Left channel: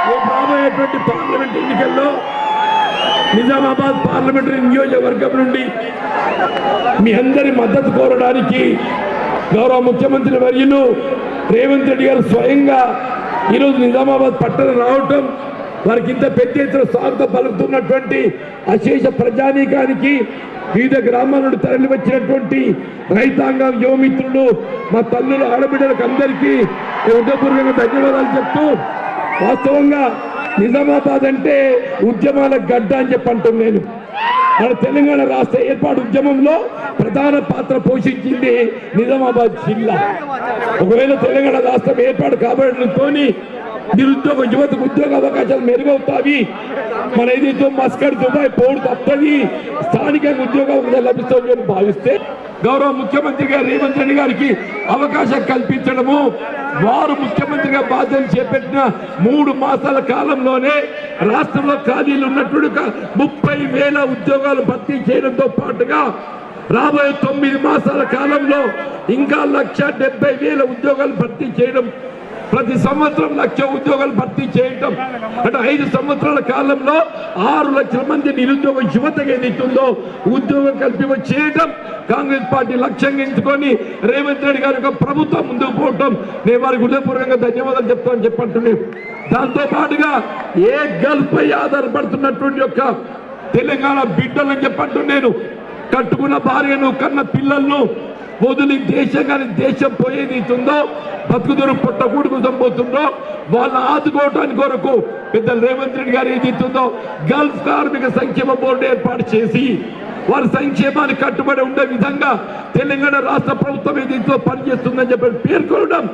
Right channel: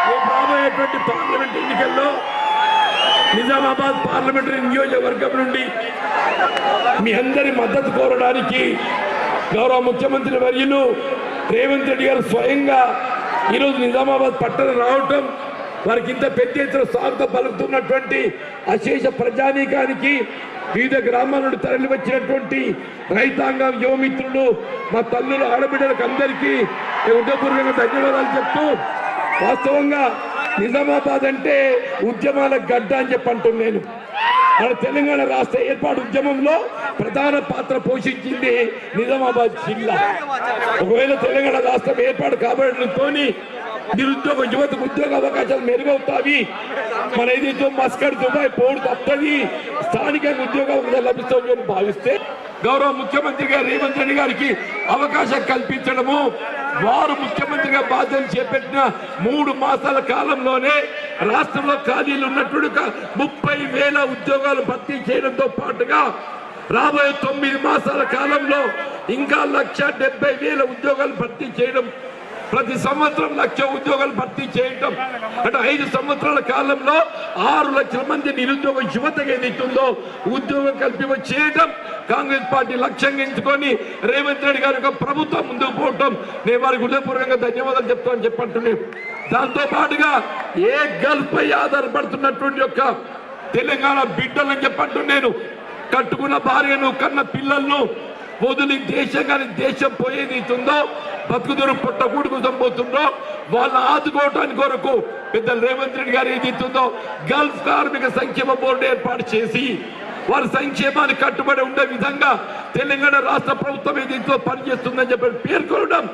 రేపు రాబోయేటువంటి పార్లమెంట్ ఎన్నికల్లో నిజామాబాద్ పార్లమెంటరీ నియోజకవర్గం నుండి మీ అందరి మద్దతు కోరడానికి గౌరవ ముఖ్యమంత్రి వర్యులు రేవంత్ రెడ్డి గారు స్వయంగా ఈరోజు నిజామాబాద్ పట్టణ రావటం వారికి ఇంత పెద్ద ఎత్తున స్వాగతం పలుకుతున్నటువంటి అశేష ప్రజానీకానికి వివిధ గ్రామాల నుండి తరలి వచ్చినటువంటి రైతాంగం యువమిత్రులు మా తల్లులు ఆడబిడ్డలకు అందరికీ హృదయపూర్వకంగా ధన్యవాదాలు చెప్తూ వాస్తవంగా నిజామాబాద్ అంటే ఉద్యమాల గడ్డ అని చెప్పి అంటున్నాను నేను. మన తెలంగాణ రాష్ట్ర ఏర్పాటు ఉద్యమంలో ప్రధాన పాత్ర పోషించింది నిజామాబాద్ జిల్లా. ఒకవేళ తెలంగాణ రాష్ట్రం ఏర్పాటు కాబడడంతోని నిరుద్యోగ యువతకు ఉద్యోగ అవకాశాలు మెరుగవుతాయి. మన ఏదైతే మస్కడ్ దుబాయ్ పోడు తప్పది స్థానికంగా ఉద్యోగ అవకాశాలు లభిస్తామని భావిస్తే గౌరవ ముఖ్యమంత్రి గారు రేవంత్ రెడ్డి గారికి అవకాశం కల్పించడము. వారు ముఖ్యమంత్రిగా బాధ్యతలు చేపట్టిన మూడు మాసాల కాలంలోనే రాష్ట్రంలో ఖాళీలు ఉన్నట్టు ముప్పై వేల ఉద్యోగాలు భర్తీ చేయడంతో పాటుగా రాబోయే తొమ్మిది మాసాల కాలంలో ఇంకా లక్ష డెబ్బై వేల ఉద్యోగాలు భర్తీ చేయడం ప్రతి సంవత్సరం లక్ష ఉద్యోగాలు భర్తీ చేయటం. అంటే ఐదు సంవత్సరాల కాలంలో ఆరు లక్షల మంది నిరుద్యోగ యువతగా ఏదైతుందో ఉద్యోగం కల్పింప చేయటం కాంగ్రెస్ పార్టీ లక్ష్యంగా ఎంచుకొని రేవంత్ రెడ్డి గారి యొక్క ప్రభుత్వం ముందుకు పోవటం. నేను వారికి హృదయపూర్వకంగా ధన్యవాదాలు చెప్తామని చెప్పంటున్నాను దాంతో పాటుగా ఏ గల్ఫ్ ఆధారపడుతున్నటువంటి యొక్క తెలంగాణ బిడ్డలని చెప్పంటున్నాను కట్టుకున్న భార్యను కన్న పిల్లలను వదిలి దేశం కానీ దేశం పోయేది ఇస్తుందో బతుకుదూరు పుట్టకూడు కోసం పోతుండో వాళ్ళని ఆదుకోవటానికి కొరకు పెద్ద రేవంత్ రెడ్డి గారు ఏది ఇస్తుందో గల్ఫ్ కార్మిక సంక్షేమ బోర్డు ఏర్పాటు చేసి వారి సంక్షేమానికి కట్టుబడి ఉండే విధంగా తెలంగాణ రాష్ట్ర ప్రభుత్వం ఏదైతే పనిచేస్తుందని చెప్పి పేర్కొనడం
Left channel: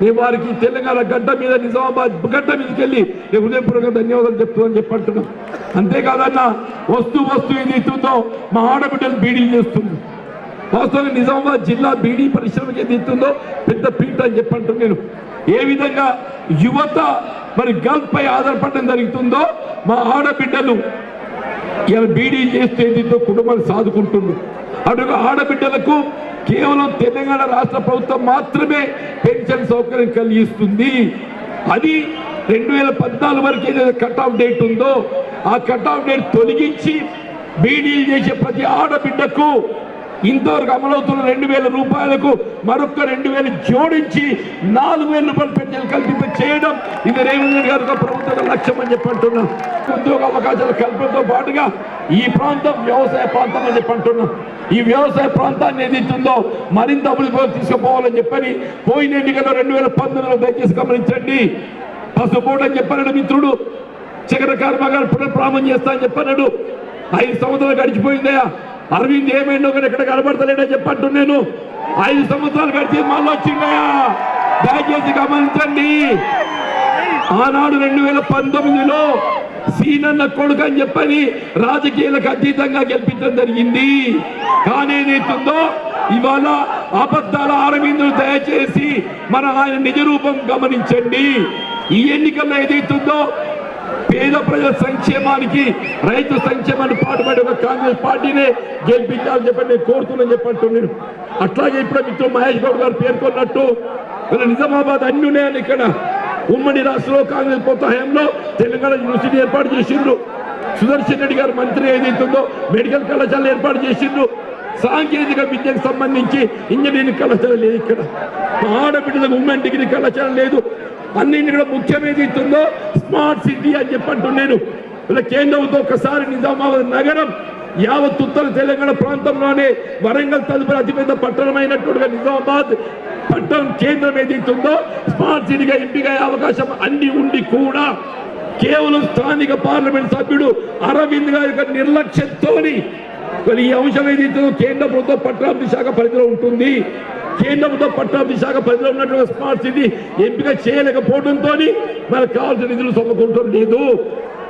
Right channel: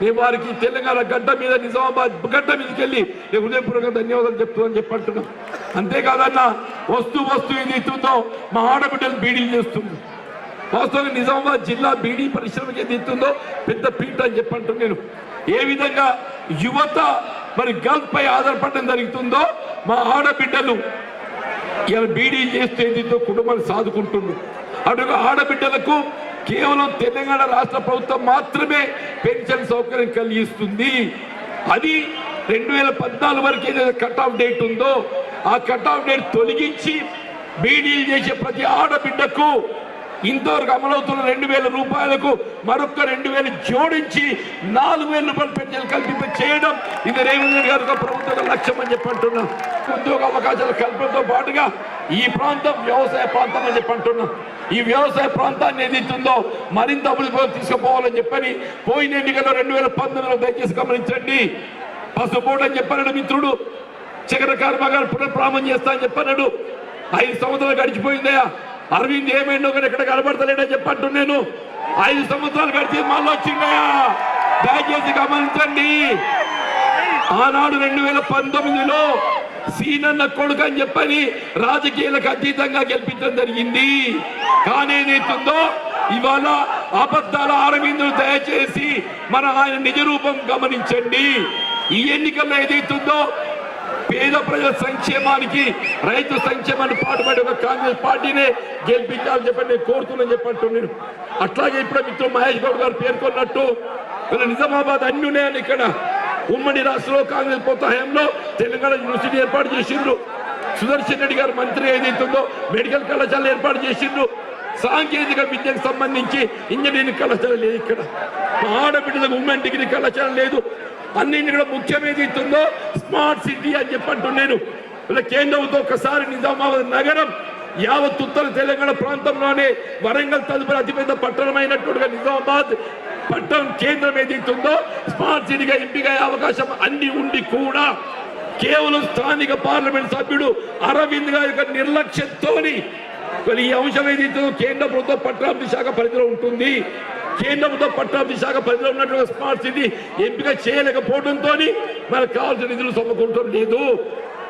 మేము వారికి తెలంగాణ గడ్డ మీద నిజామాబాద్ గడ్డ మీదకి వెళ్ళి నేను హృదయపూర్వక ధన్యవాదాలు చెప్తుందని చెప్పి అంటున్నాం అంతేకాదన్న వస్తు వస్తు ఏదైతుందో మా ఆడబిడ్డలు బీడీలు చేస్తుంది వాస్తవంగా నిజామాబాద్ జిల్లా బీడీ పరిశ్రమకి ఏదైతుందో పెద్ద పీట అని చెప్పంటూ నేను. ఏ విధంగా యువత మరి గల్ఫ్ పై ఆధారపడడం జరుగుతుందో మా ఆడబిడ్డలు బీడీ చేస్తే దీంతో కుటుంబాన్ని సాదుకుంటుంది అటు ఆడబిడ్డలకు కేవలం తెలంగాణ రాష్ట్ర ప్రభుత్వం మాత్రమే పెన్షన్ సౌకర్యం కలిగిస్తుంది. అది రెండు వేల పద్నాలుగు వరకు ఏదైతే కట్ ఆఫ్ డేట్ ఉందో ఆ కట్ ఆఫ్ డేట్ తొలగించి బీడీ చేసే ప్రతి ఆడబిడ్డకు ఇంతవరకు అమలవుతున్న రెండు వేల రూపాయలకు మరొక రెండు వేలు జోడించి నాలుగు వేల రూపాయలు పెన్షన్ కల్పింప చేయడం ఇది రేవంత్ రెడ్డి గారి యొక్క లక్ష్యం అని చెప్పి అంటున్నాం. ఉద్యోగ అవకాశాలు కల్పనతో పాటుగా ఈ ప్రాంతం వ్యవసాయ ప్రాంతం అని చెప్పి అంటున్నాం. ఈ వ్యవసాయ ప్రాంతాన్ని ఏదైతుందో మరింత అభివృద్ధి తీసుకుపోవాలని చెప్పని పోయిన ఎన్నికల్లో రెండు వేల పంతొమ్మిదిలో దయచేసి గమనించండి. పసుపోటు అని చెప్పాడు మిత్రుడు. చక్ర కర్మగారు పునఃప్రామం చేస్తా అని చెప్పన్నాడు. ఐదు సంవత్సరాలు గడిచిపోయిందయా అరవింద్ ఏమైందో కానీ ఎక్కడ కనబడతలేడని చెప్పంటు నేను ఐదు సంవత్సరాలు గడిచి మళ్ళీ వచ్చిందయా దయచేసి గమనించండి. ఆనాడు రెండు వేల పంతొమ్మిదిలో సీనన్న కొడుకు అని చెప్పని రాజకీయాలకు అతీతంగా గెలిపించడం జరిగింది. కానీ ఏదైతుందో ఇవాళ అబద్ధాల అరవిందులు దయచేసి మన ఆయన నిజరూపం గమనించండి. ఈ ఎన్నికల్లో ఏదైతుందో పేద ప్రజల సంక్షేమానికి రైతు సంక్షేమాన్ని పాటుపడే ఒక కాంగ్రెస్ పార్టీనే గెలిపించాలని చెప్పి నేను కోరుతున్నాను చెప్పంటున్నాను అట్లాగే ఇప్పుడు మిత్రులు మహేష్ గౌడ్ గారు పేర్కొన్నట్టు నిజామాబాద్ అన్ని ఉన్నాయని ఇక్కడ ఉమ్మడి రాష్ట్రంలో కాంగ్రెస్ ప్రభుత్వ హయాంలో తెలంగాణ యూనివర్సిటీ ఏర్పాటు చేసిండ్రు. సుదర్శన్ రెడ్డి గారు మంత్రి ఏదైతుందో మెడికల్ కళాశాల ఏర్పాటు చేసిండ్రు. సాంకేతిక విద్యకు సంబంధించి ఇంజనీరింగ్ కళాశాల లేదు ఇక్కడ. ఆడబిడ్డలకు ఉమెన్ డిగ్రీ కళాశాల లేదు. అన్నింటి కూడా ముఖ్యం ఏదైతుందో స్మార్ట్ సిటీ అని చెప్పంటున్నాను ఇలా కేంద్రంతో ఒకసారి నిజామాబాద్ నగరం యావత్ ఉత్తర తెలంగాణ ప్రాంతంలోనే వరంగల్ తదుపరి అతిపెద్ద పట్టణమైనట్టుగా నిజామాబాద్ పట్టణం కేంద్రం ఏదైతుందో స్మార్ట్ సిటీగా ఎంపిక అవకాశం అన్ని ఉండి కూడా కేవలం స్థానిక పార్లమెంట్ సభ్యుడు అరవింద్ గారి యొక్క నిర్లక్ష్యంతోని ఈ అంశం ఏదైతుందో కేంద్ర ప్రభుత్వ పట్టణాభివృద్ధి శాఖ పరిధిలో ఉంటుంది. కేంద్రంతో ప్రభుత్వ శాఖ పరిధిలో ఉన్నటువంటి స్మార్ట్ సిటీ ఎంపిక చేయలేకపోవడంతో మనకు కావాల్సిన నిధులు సమకూరటం లేదు.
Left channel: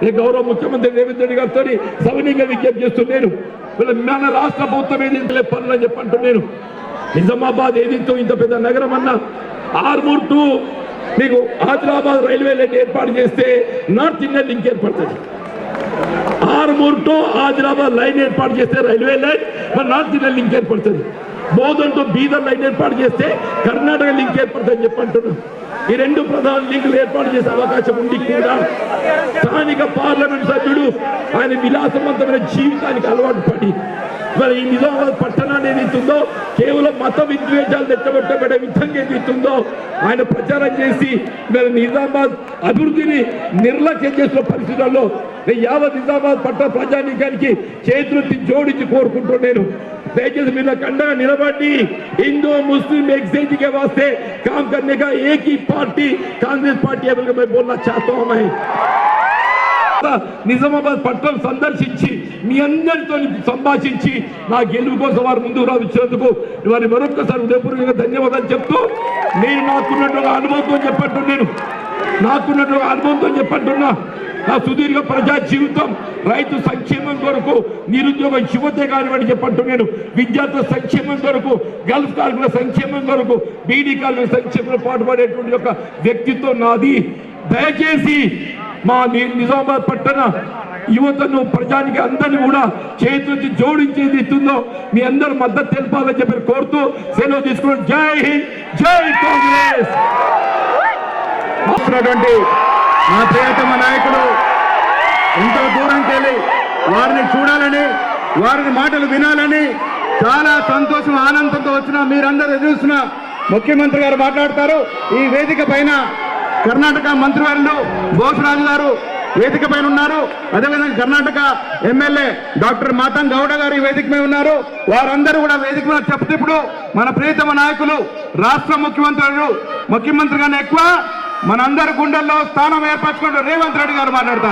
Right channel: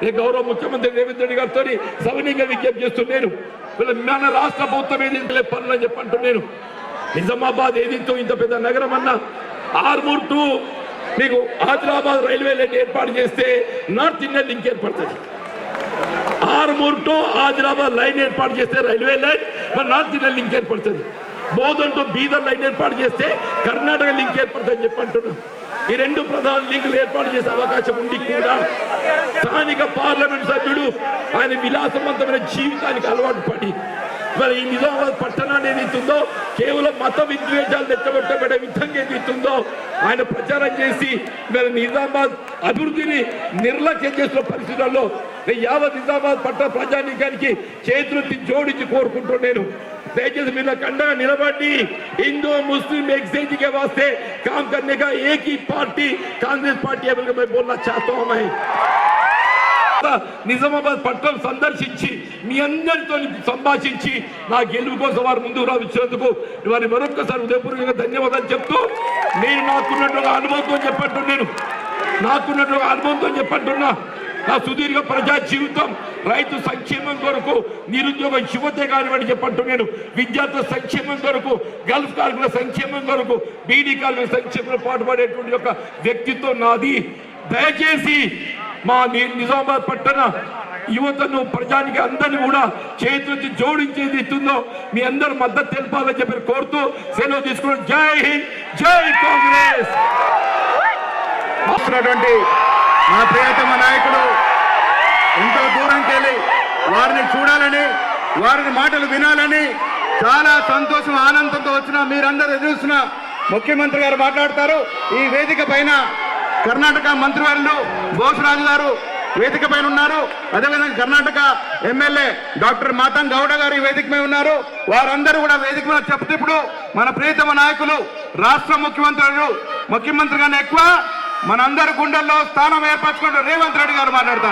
నేను గౌరవ ముఖ్యమంత్రి రేవంత్ రెడ్డి గారితో సవనీయంగా విజ్ఞప్తి చేస్తున్నాను మన రాష్ట్ర ప్రభుత్వం ఏదైతే పనులు అని చెప్పంటున్నాను నిజామాబాద్ ఏదింతో ఇంత పెద్ద నగరం అన్న ఆర్మూర్ టు మీకు ఆదిలాబాద్ రైల్వే లైన్ ఏర్పాటు చేస్తే నార్త్ ఇండియన్ లింక్ ఏర్పడుతుంది. ఆర్మూర్ టు ఆదిలాబాద్ లైన్ ఏర్పాటు చేస్తే రైల్వే లైన్ మరి నార్త్ ఇండియన్ లింక్ ఏర్పడుతుంది. బోధంతో టు బీదర్ లైన్ ఏర్పాటు చేస్తే కర్ణాటక లింక్ ఏర్పడుతుందని అని చెప్పి అంటున్నాం ఈ రెండు ప్రధాన లింకులు ఏర్పాటు చేసే అవకాశం ఉండి కూడా. స్థానిక పార్లమెంట్ సభ్యుడు ఆయన విలాసవంతమైన జీవితానికి అలవాటు పడి మరి ఈ నిజామాబాద్ పట్టణాన్ని ఏదైతుందో కేవలం మత విద్వేషాలు తెచ్చబెట్టబడే విధంగా ఏదైతుందో ఆయన ప్రచారం చేసి మరి నిజామాబాద్ అభివృద్ధిని నిర్లక్ష్యం చేసిన పరిస్థితుల్లో యావత్ నిజామాబాద్ పట్టణ ప్రజానీకానికి చేతులెత్తి జోడించి కోరుకుంటూ నేను. మీరు నాకు అండగా నిలబడి हिंदू मुस्लिम एक से के वास्ते काम करने का एक ही पार्टी कांग्रेस पार्टी है बोलकर मैं बोलना चाहता हूं मैं నిజామాబాద్ పట్టణం సందర్శించి మీ అందరితో సంభాషించి నా గెలుపు కోసం వారు ముందుకు రావించినందుకు వారి మరొక్కసారి ఉదయపూర్వకంగా ధన్యవాదాలు చెప్తూ నేను నాకున్నటువంటి అనుభవంతో చెప్పట్టు నేను నాకున్నటువంటి అనుభవంతో చెప్పట్టున్నా నా సుదీర్ఘ ప్రజా జీవితం రైతు సంక్షేమం కొరకు నిరుద్యోగ యువతే కానివ్వండి చెప్పట్టు నేను విద్యార్థుల సంక్షేమం కొరకు గల్ఫ్ కార్మికుల సంక్షేమం కొరకు బీడీ కార్మికుల సంక్షేమంలో పాటుపడేటువంటి ఒక వ్యక్తిత్వం నాది. దయచేసి మా నిజామాబాద్ పట్టణ యువతను ప్రజానికి అందరిని కూడా చేతి జోడించేది ఇస్తుందో మీ అందరూ మద్దతు తెలపాలని చెప్పి కోరుతూ సెలవు తీసుకున్నాం జై హింద్ జై కాంగ్రెస్! మా ప్రియతమ నాయకుడు ఎంతో దూరంకి వెళ్ళి వారిని చూడాలని వారిని మాటలు వినాలని చాలా సంతోషం ఆనందంతో వచ్చిన మీరందరూ ఎదురుస్తున్న ముఖ్యమంత్రి గారు మాట్లాడతారు. ఈ వేదిక పైన కర్ణాటక మంత్రివర్యులు బోసరాజు గారు వేదిక పైన ఉన్నారు. అదేవిధంగా కర్ణాటక ఎమ్మెల్యే డాక్టర్ మాతం గౌడ గారు ఈ వేదిక మీద ఉన్నారు. వారందరూ కూడా వేదిక మీద చెప్తే ఇప్పుడు మన ప్రియతమ నాయకులు రాష్ట్ర ముఖ్యమంత్రులు ముఖ్యమంత్రి కన్నా ఎక్కువ మనందరి గుండెల్లో స్థానం ఏర్పరచుకుంటూ రేవంత్ రెడ్డి గారు మాట్లాడతారు.